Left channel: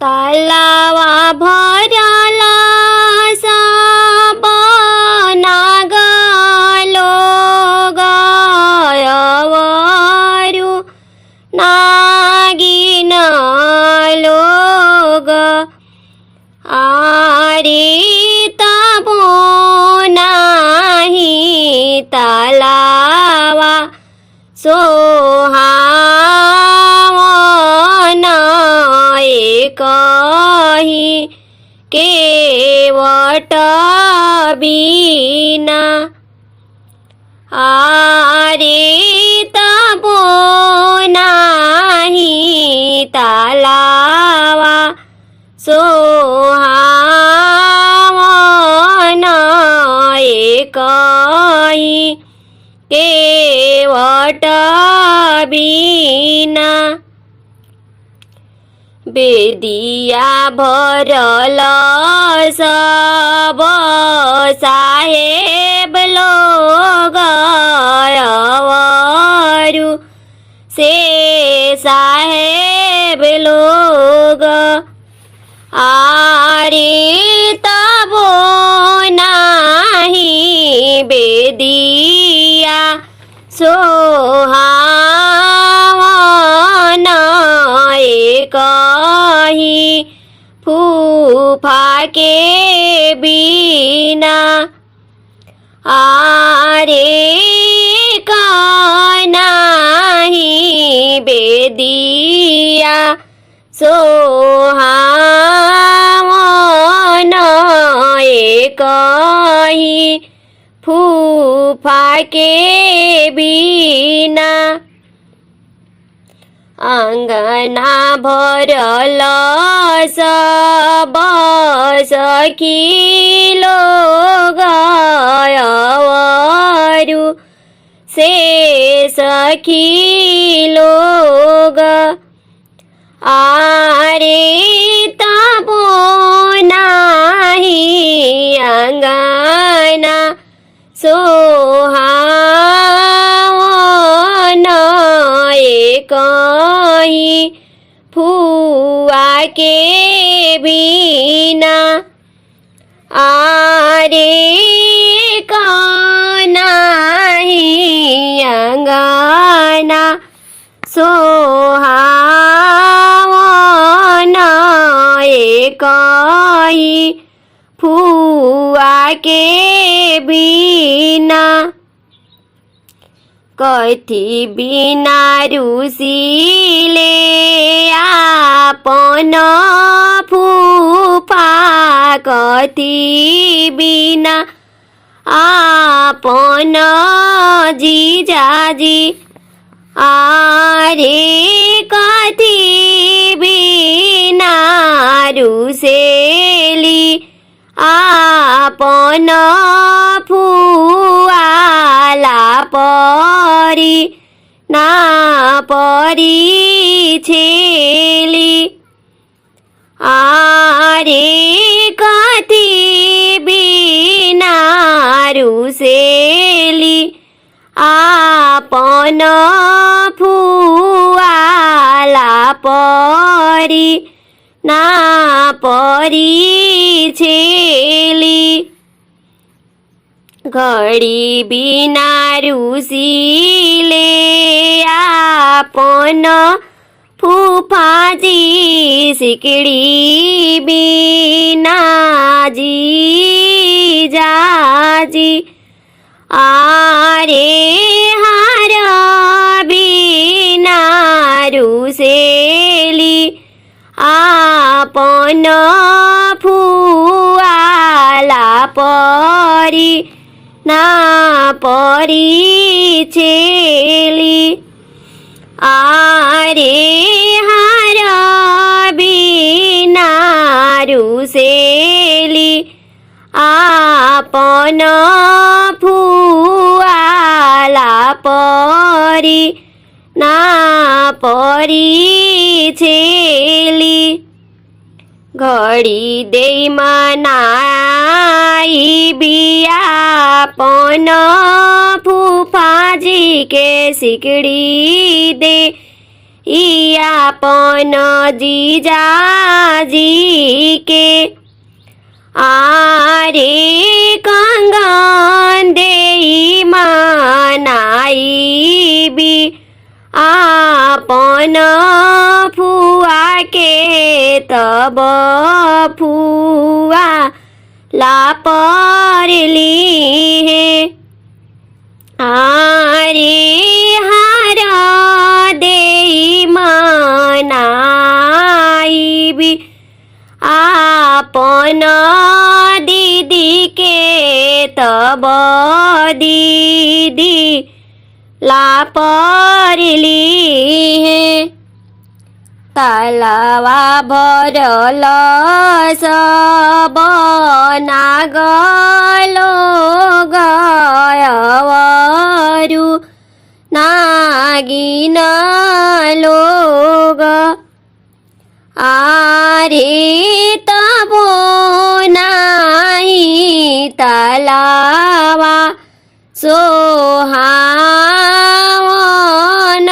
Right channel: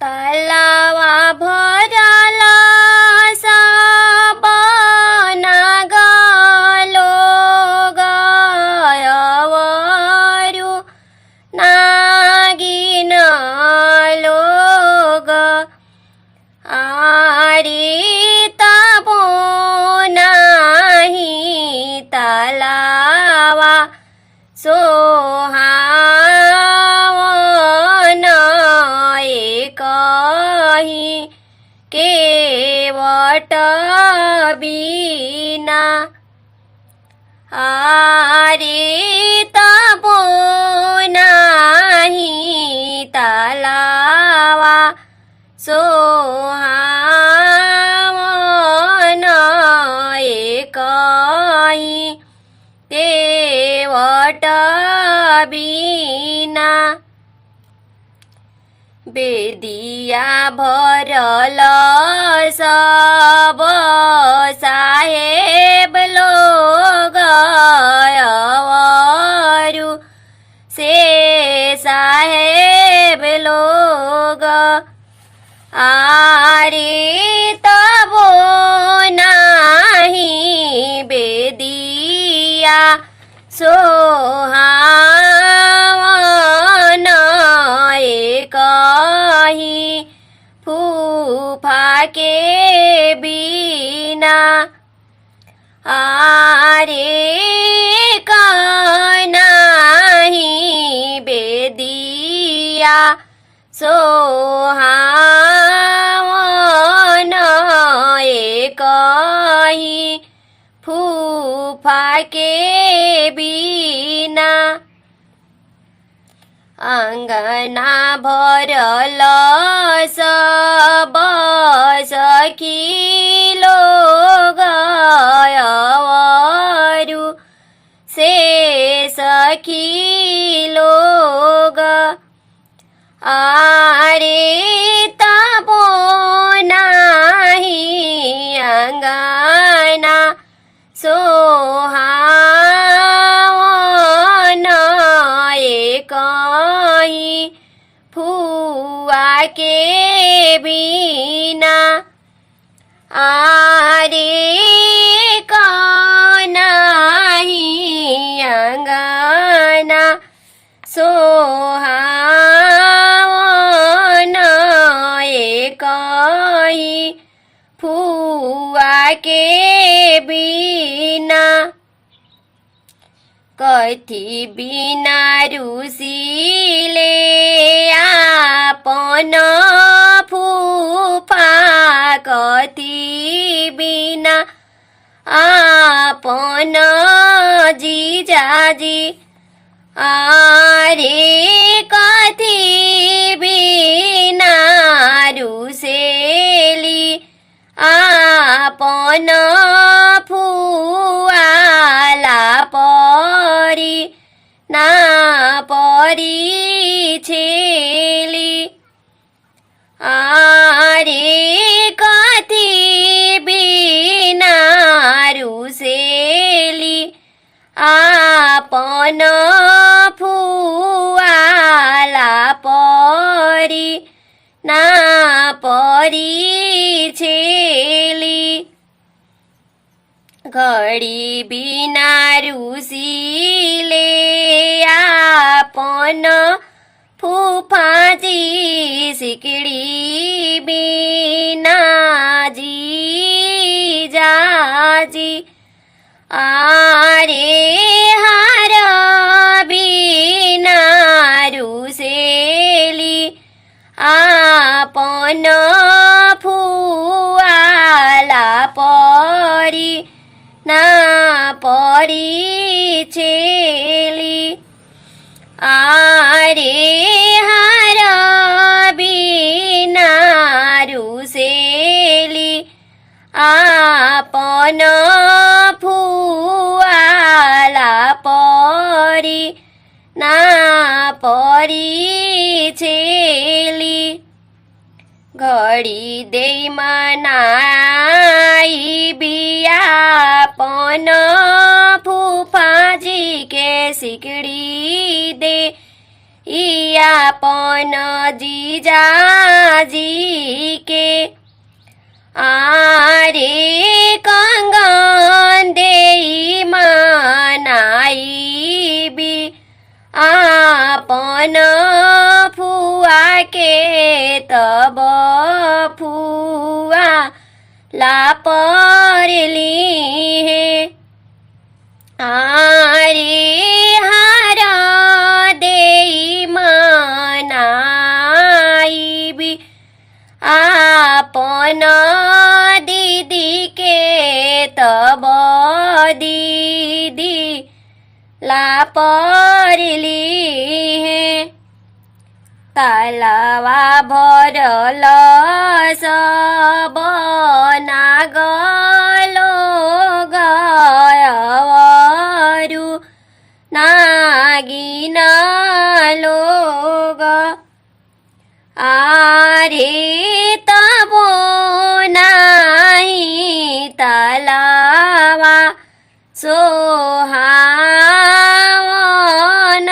तालावा भरला सब नागलो गयवरु नागिन लोग आरित नाही तालावा सोहावन एकही केवट बीना आरित नाही तालावा सोहावन एकही केवट बीना बेदिया भरल सब साहेब लोग अवरु से साहेब लोग आरित नाही बेदिया सोहावन एकही फूफा के बीना आरे नाही बेदिया सोहावन एकही फूफा के बीना अंगना भरल सब सखी लोग अवरु से सखी लोग आरित नाही अंगना सोहावन एकही फुआ के बीना आरे नाही अंगना सोहावन एकही फुआ के बीना कथी बिना रुसिले आपन फूफा कथी बिना आपन जीजाजी आरे कथी बिना रुसेली आपन फुआला परी ना परी छेली आरे कथी बिना रुसेली आपन फुआला परी ना परी छेली घड़ी बिना रुसिले आपन फूफाजी सिकड़ी बिना जीजाजी आरे हार बिना रुसेली आपन फुआला परी ना परी छेली आरे हार बिना रुसेली आपन फुआला परी ना परी छेली घड़ी दे मनाई बियापन फूफाजी के सिकड़ी दे ई आपन जीजाजी के आरे कंगन देई मनाइबी आपन फुआ के तब फुआ लापरली है आरे हार देई मनाइबी आपन दीदी के तब दीदी लापरली है तालवा भरल सब नागलो गयवरु नागिन लोग आरे तबो नाही तालवा सोहावन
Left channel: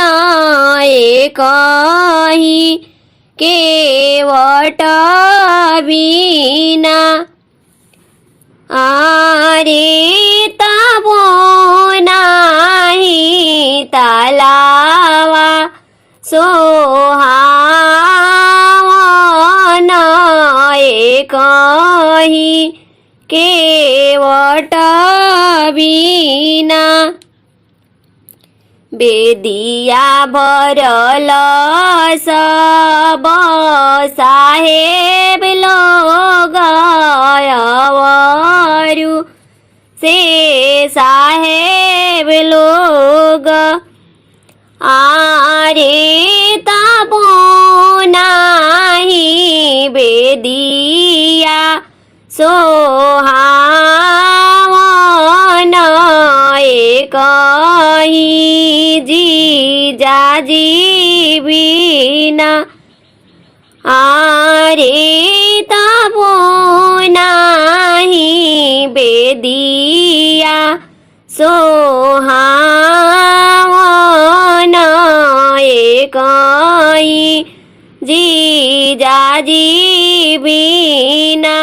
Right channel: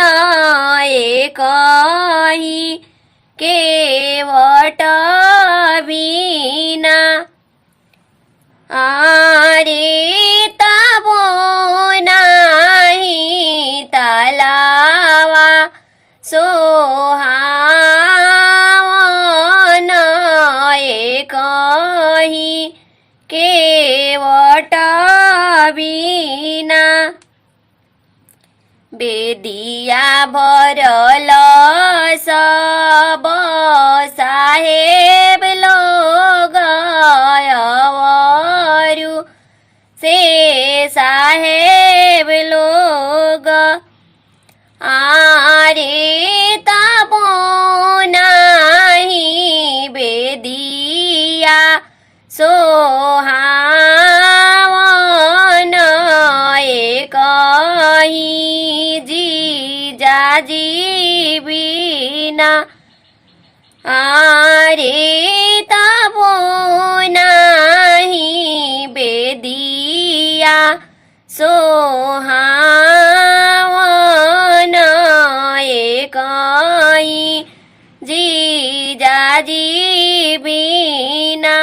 एकही केवट बिना आरे तबो नाही तालवा सोहावन एकही केवट बिना बेदिया भरल सब साहेब लोग गयवरु से साहेब लोग आरे तबो नाही बेदिया सोहावन एकही जीजाजी बिना आरे तबो नाही बेदिया सोहावन एकही जीजाजी बिना।